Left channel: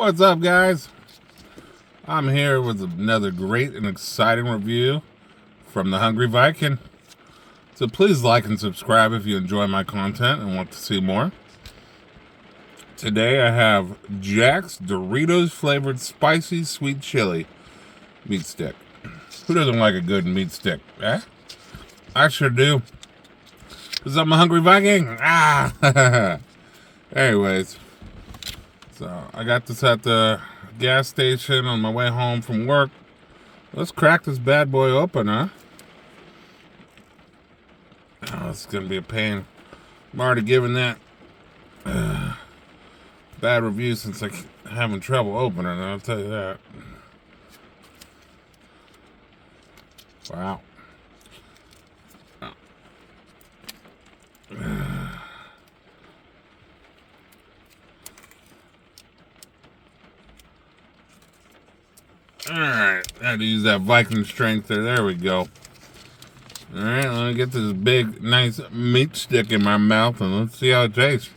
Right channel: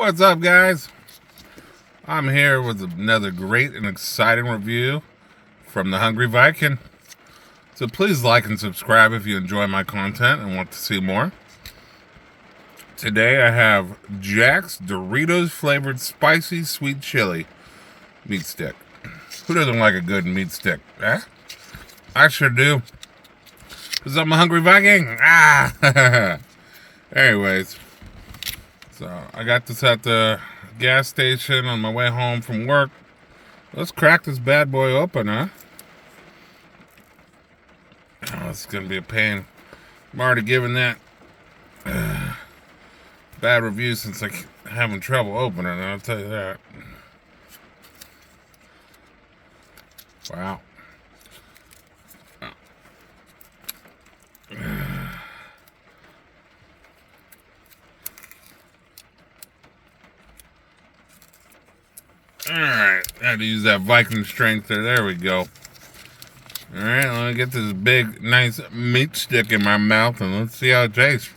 What's up, guys? I'm here with another great and exciting review from the Hungry Viking. So please like and subscribe if you enjoy my content and want to see more. Today I have Jack's Doritos flavored spicy sweet chili meat stick. Who doesn't like a good meat stick? Eh? I sure do. Because I'm a Hungry Viking. Anyways, so I got this at the gas station on my way home from work. Let's crack this bad boy open, huh? Oh, it's gonna be a pain. I'm already giving that bad review since I'm having trouble opening it, I'll tell you that. Wow. Alright, I had to use that Viking strength there. There we go. Alright, let me get this big, nice meat stick in my mouth and let's see how it tastes.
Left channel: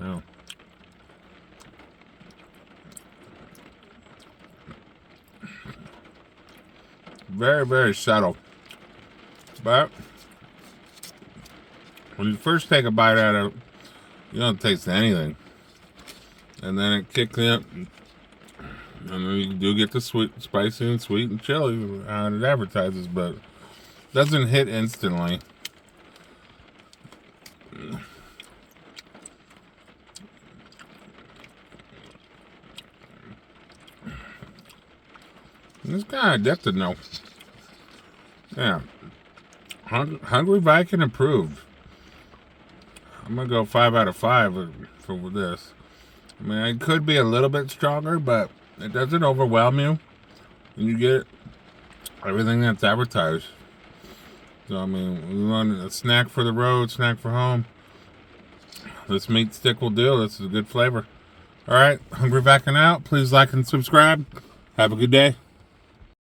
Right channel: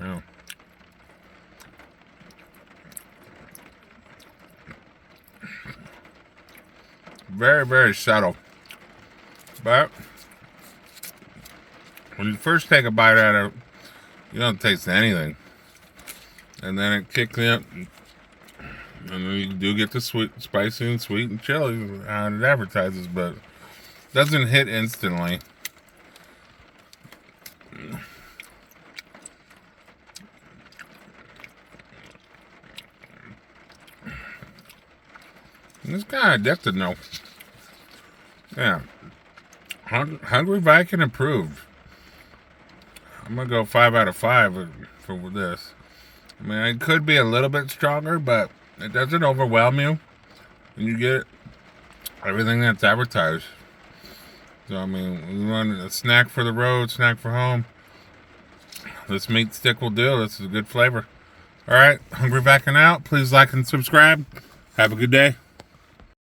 Wow. Very, very subtle. But when you first take a bite out of it, you don't taste anything. And then it kicks in, and then you do get the sweet, spicy and sweet and chili how it advertises, but it doesn't hit instantly. It's kind of addictive now. Yeah. Hungry Viking approved. I'm going to go 5 out of 5 for this. I mean, it could be a little bit stronger, but it doesn't overwhelm you. And you get everything that's advertised. So, I mean, we want a snack for the road, snack for home. This meat stick will do. This is a good flavor. All right, Hungry Viking out. Please like and subscribe. Have a good day.